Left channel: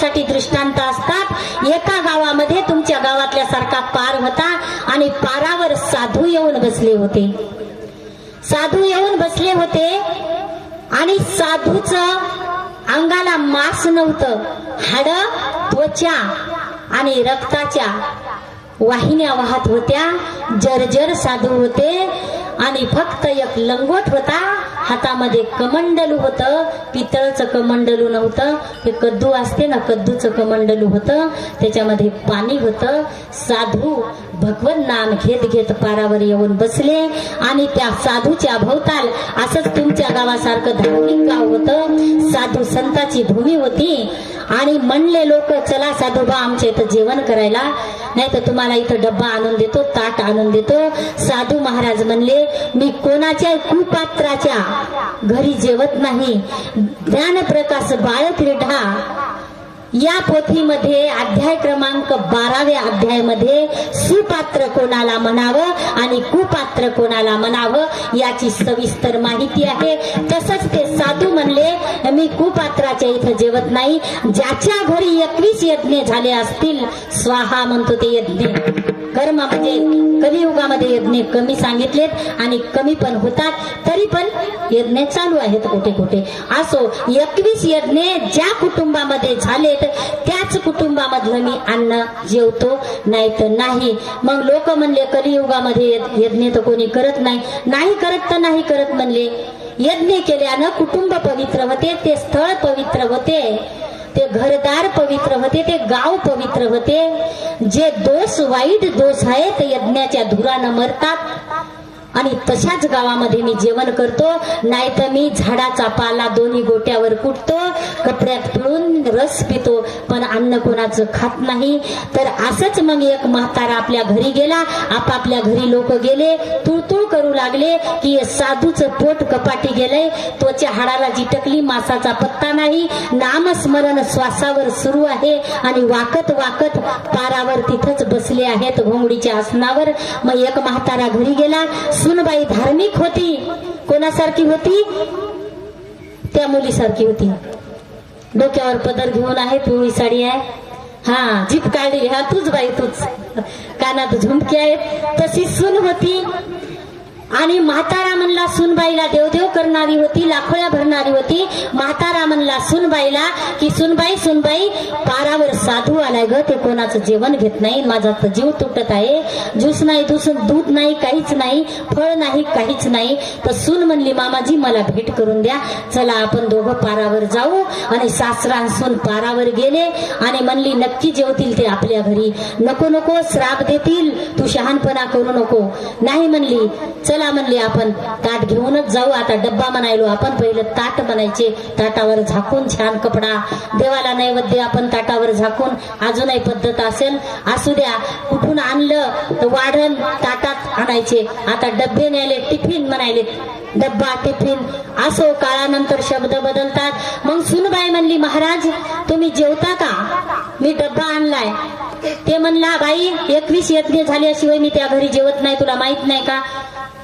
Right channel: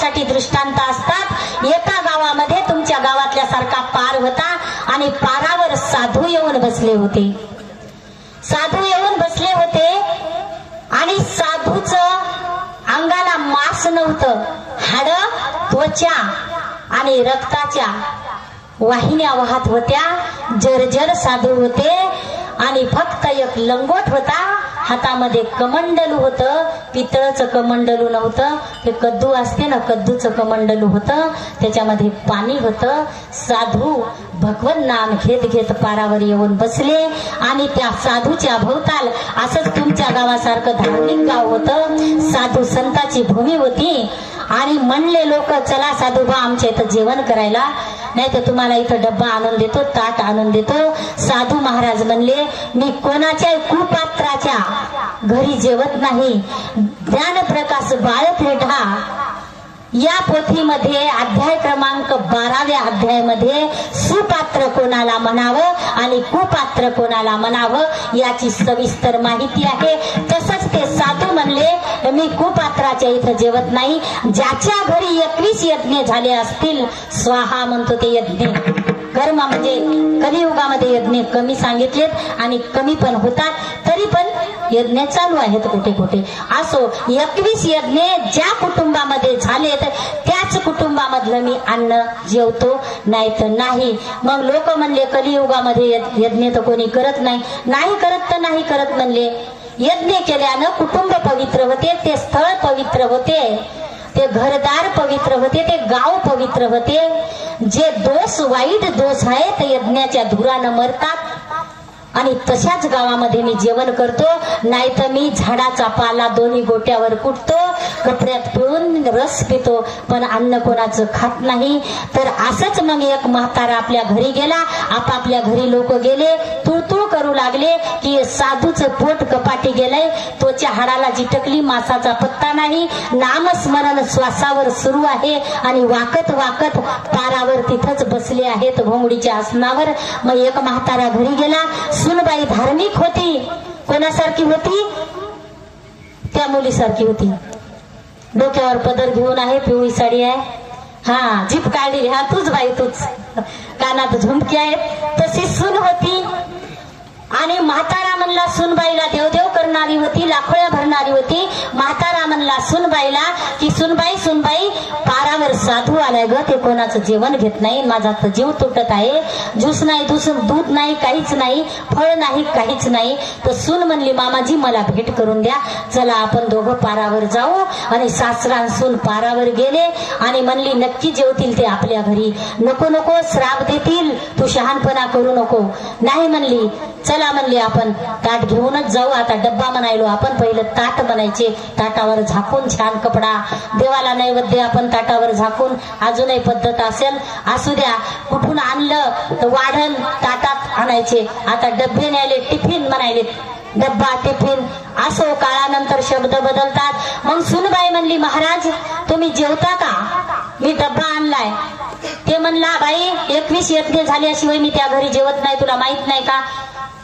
साठी दृष्टांत असतात. एका गावामध्ये तुमच्या गावातल्या सारखा पार होता आणि पारावर साधू येऊन बसले होते. साधू येऊन बसले होते आणि साधूच अंगाला मास नव्हतं. हाड त्वचा आणि रक्ताच्या वाहिन्या वाहत होत्या. जर्जर साधू होते आणि फक्त एक लंगोट होता. हातामध्ये कमंडलू होतं पितळचं कमंडलू नव्हतं ते कद्दू असते ना कद्दूचं कमंडलू होतं त्याच्यामध्ये पाणी होतं. साधू भगवन नाम घेत घेत पारावर येऊन बसले आणि त्या साधूच्या भोवताल असंच तुमच्या गावासारखं धार्मिक गाव होतं. साधू संताची भूमी होती आणि म्हणले लोक चला साधूबा आमच्या इथं जेवण करायला. नाही तर तुम्हाला इथं डब्बा आणून देतो ताट आणून देतो. साधू महाराज म्हणले मी कोणाच्या कुपात्राच्या घरी जेवत नाही. ज्ञान प्रकाश बाळत रेढा. या पोथीमध्ये अध्याय क्रमांक बाराव्या अध्यायामध्ये सुपात्र कोणाला म्हणावं आणि कुपात्र कोणाला म्हणावं याची सविस्तर माहिती आहे. तसंच ते साधू म्हणले मी कुपात्राच्या इथं जेवत नाही. ज्याच्या घरी एकवीस यज्ञ झाले असतील स्वाहा म्हणतो ते यज्ञ. कर्म म्हणजे कलियुगामध्ये यज्ञ कमी सांगितलेत आणि कमी पण होतात तरी पण यज्ञ चालू आहेत कुठे कुठे. असो एकवीस यज्ञ ज्या कुटुंबामध्ये झालेत त्याच कुटुंबामधलं मी अन्न जेवतो नाही तर नाही. मग लोक म्हणले कलियुगामध्ये यज्ञ- यज्ञ तर कोणी करत नाही. नाही करत तर नाही करत म्हणले. यज्ञ केल्यानं कुटुंब पवित्र होते ते स्थळ पवित्र होते ते घरदार पवित्र होते ते गाव पवित्र होते. जे दोष वाईट दोष आहेत यज्ञाच्या धुरानं मरतात. आणि तशाच गावामध्ये मी जेवण करतो नाही तर मी झाडाचा पाला दोन्ही गोट्यावर कुटतो कपड्यात पिळून रस पितो पण अन्न कोणाचं खात नाही. तर असंच मग एक म्हातारा आपल्या घरी गेला. आपापल्या घरी लोक गेले. तुळतुळ करू लागले की साधूचं पोट कपाटी गेलंय. त्वच्या हाडाला जिटकली मासाचा पत्ता नाही. नामस्मरण श्वासावर सुरू आहे आणि वाकत वाकत पारावर तिथंच बसले आहेत घोंगडीच्या आसनावर. मग एक म्हातारा घरी गेला. सुनबाई धार्मिक होती. कोणासारखी होती? त्या मुलीसारखी होती. डोक्यावर पदर घेऊन आहे पिवळी साडी आहे. हा जीप काढली. हा तूच बाई तूच. कानात झुमकी आहेत तशी सून होती. आणि म्हातारा म्हणला सुनबाईला देवदेव करणारी होती लाखोळ्या भरणारी होती. म्हातारा म्हणला सुनबाईला की सुनबाई सुनबाई पारावर साधू आलाय ग ते कोणाचं जेवण घेत नाही माझा तर जीव तुटत आहे. ज्यूस नाही दूस दूध नाही काहीच नाही फळ नाही काहीच नाही. तर सून म्हणली मामाजी मला भेट करून द्या. चला आपण दोघं पारावर जाऊ. आणि सासरा सून पारावर गेले. आणि म्हणली नक्की जेवतील ते आपल्या घरी. नको नको श्राप देतील. तू शहाणपणा करू नको. नाही म्हणली. चला म्हणली आपण. ताट घेऊनच जाऊ. आता डब्बा म्हणायलो आपण पहिलं ताट बनायचे. ताटावर झाकून छान कपडा. देवाला नैवेद्य आपण ताटावर झाकून. अजूनही पद्धत असेल. असू द्या कुठून आणलं तर वाढण ताटात आणायचे. आता डब्बे न्यायले टिफिन म्हणायले डब्बा टिफिन. असो काळानंतर शब्द बदलतात. मग सुनबाई म्हणली महाराज तुम्ही जेवता का? मी डब्बा आणलाय. ते म्हणला बाई एकवीस यत्ने झाल्याशिवाय मी त्या घरी जेवत नाही. तुला माहीत नाही का?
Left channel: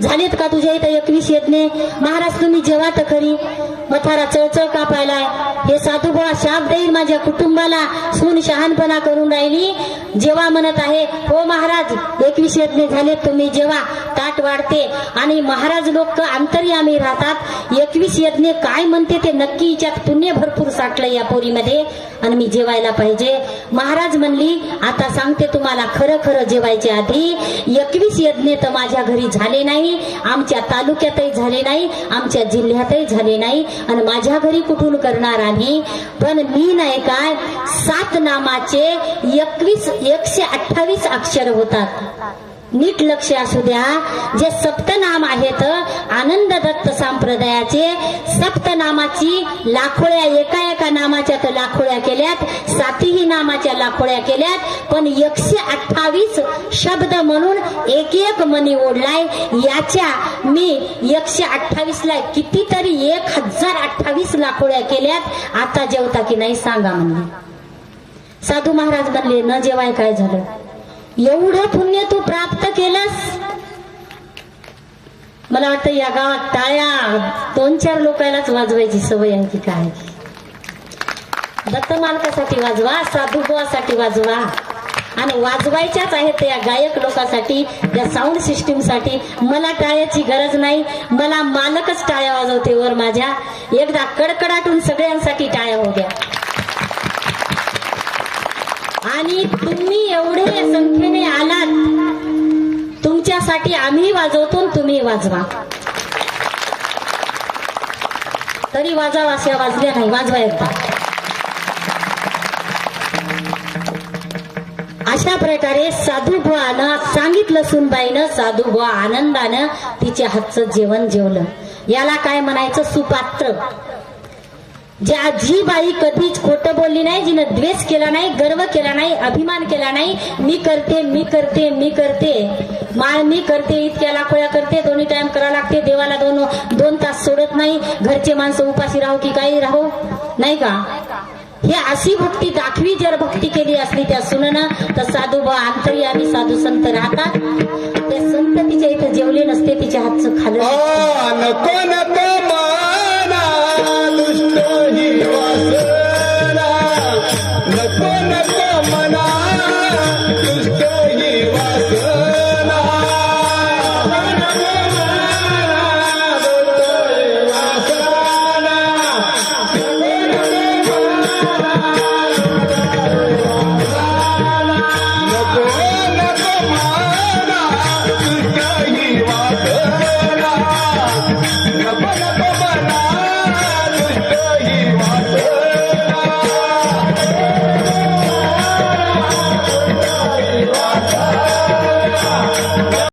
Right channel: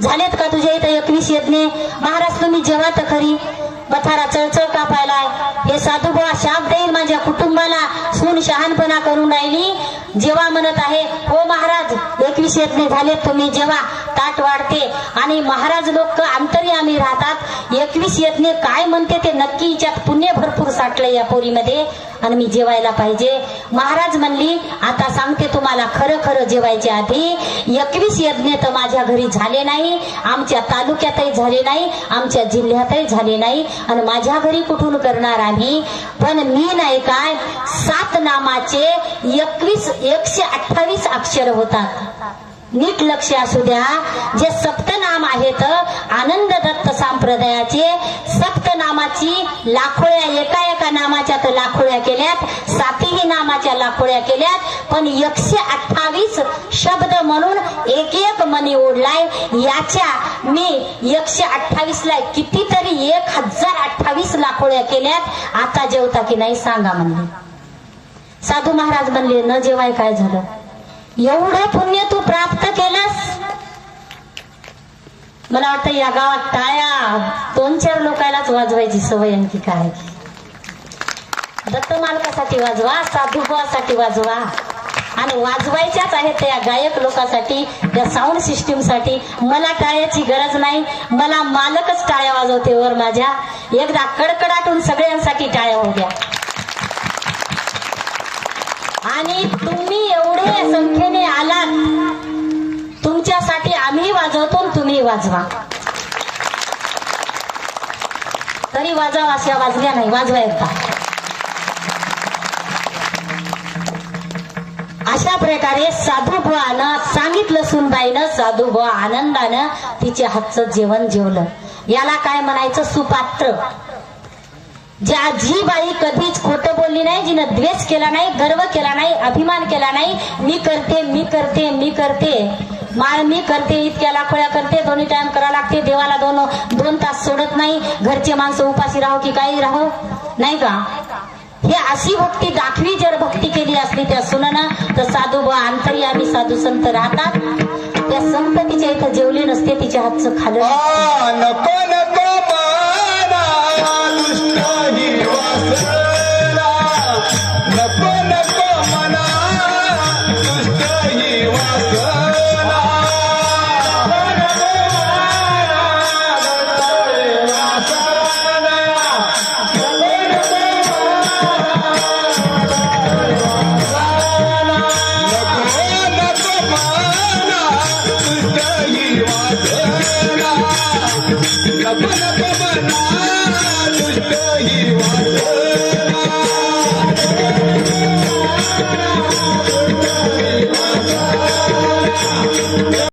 झालेत का तुझ्या इथं एकवीस येतने महाराज तुम्ही जेवा तर खरी मथारा चळचळ कापायलाय. हे साधू बुवा शाप देईल माझ्या कुटुंबाला. सून शहाणपणा करून राहिली. जेव्हा म्हणत आहे हो महाराज एकवीस यज्ञ झालेत तुम्ही जेव्हा. ताट वाढते. आणि महाराज लोक आम्ही राहतात. एकवीस यज्ञ काय म्हणते ते नक्की हिच्यात पुण्य भरपूर साठलं या पोरीमध्ये. आणि मी जेवायला पाहिजे. महाराज म्हणली आता सांगते तुम्हाला खरं खरं जेवायच्या आधी एकवीस यज्ञ तर माझ्या घरी झाले नाही आमच्या तालुक्यातही झाले नाही आमच्या जिल्ह्यातही झाले नाही आणि माझ्या घरी कुठून करणार आम्ही? पण मी नाही काय सात नामाचे एकवीस एकशे अठ्ठावीस अक्षर होतात. नीट लक्ष असू द्या. जे सप्तनाम आहेत आनंद दत्त संप्रदायाचे सप्तनामाची लाखोळ्या एका एका नामाच्या तर लाखोळ्या केल्यात सातही नामाच्या लाखोळ्या केल्यात पण एकशे अठ्ठावीस शब्द म्हणून एक एक मनी ओढलाय याच्या मी एकशे अठ्ठावीस ला कितीतरी एक हजार अठ्ठावीस लाखोळ्या केल्यात. आता जेवता की नाही सांगा म्हणले. साधू महाराज म्हणले न जेवाय काय झालं? एवढं पुण्य तू प्राप्त केलंस? मला वाटतं या गावात टाळ्या दोन चार लोकांनाच वाजवायची सवय आणखी काय दत्त मालकासाठी वाजवा साधुभावासाठी वाजवा. आणि वाजवायच्याच आहेत त्या गायक लोकांसाठी त्या साऊंड सिस्टीमसाठी मला टाळ्याची गरज नाही मला मालकच टाळ्या वाजवते वर माझ्या. एकदा कडकडाटून सगळ्यांसाठी टाळ्या होऊ द्या आणि तुम्ही एवढे संख्येने आलात. तुमच्यासाठी आम्ही वाजवतो तुम्ही वाजवा. तरी वाजावा अशा वाजल्या नाही वाजवा एकदा. अशा प्रकारे साधू बुवानं सांगितलं सुनबाईनं साधू बुवा आनंदानं तिच्या हातचं जेवण जेवलं. याला काय म्हणायचं? सुपात्र. ज्या जी बाई कधीच खोटं बोलली नाही जिनं द्वेष केला नाही गर्व केला नाही अभिमान केला नाही मी करते मी करते मी करते. माळ मी करते इतक्या लाखोळ्या करते दोन्ही टाइम करा लागते देवाला दोन दोन तास सोडत नाही घरचे माणसं उपाशी राहो की काही राहो? नाही का? हे अशी भक्ती दाखवी जर भक्ती केली असली त्या सुननं तर साधू बा अंतर्यामी साधू संत राहतात. त्या संत तिच्या इथं जेवले नसते तिच्या हातचं खाल्लं नको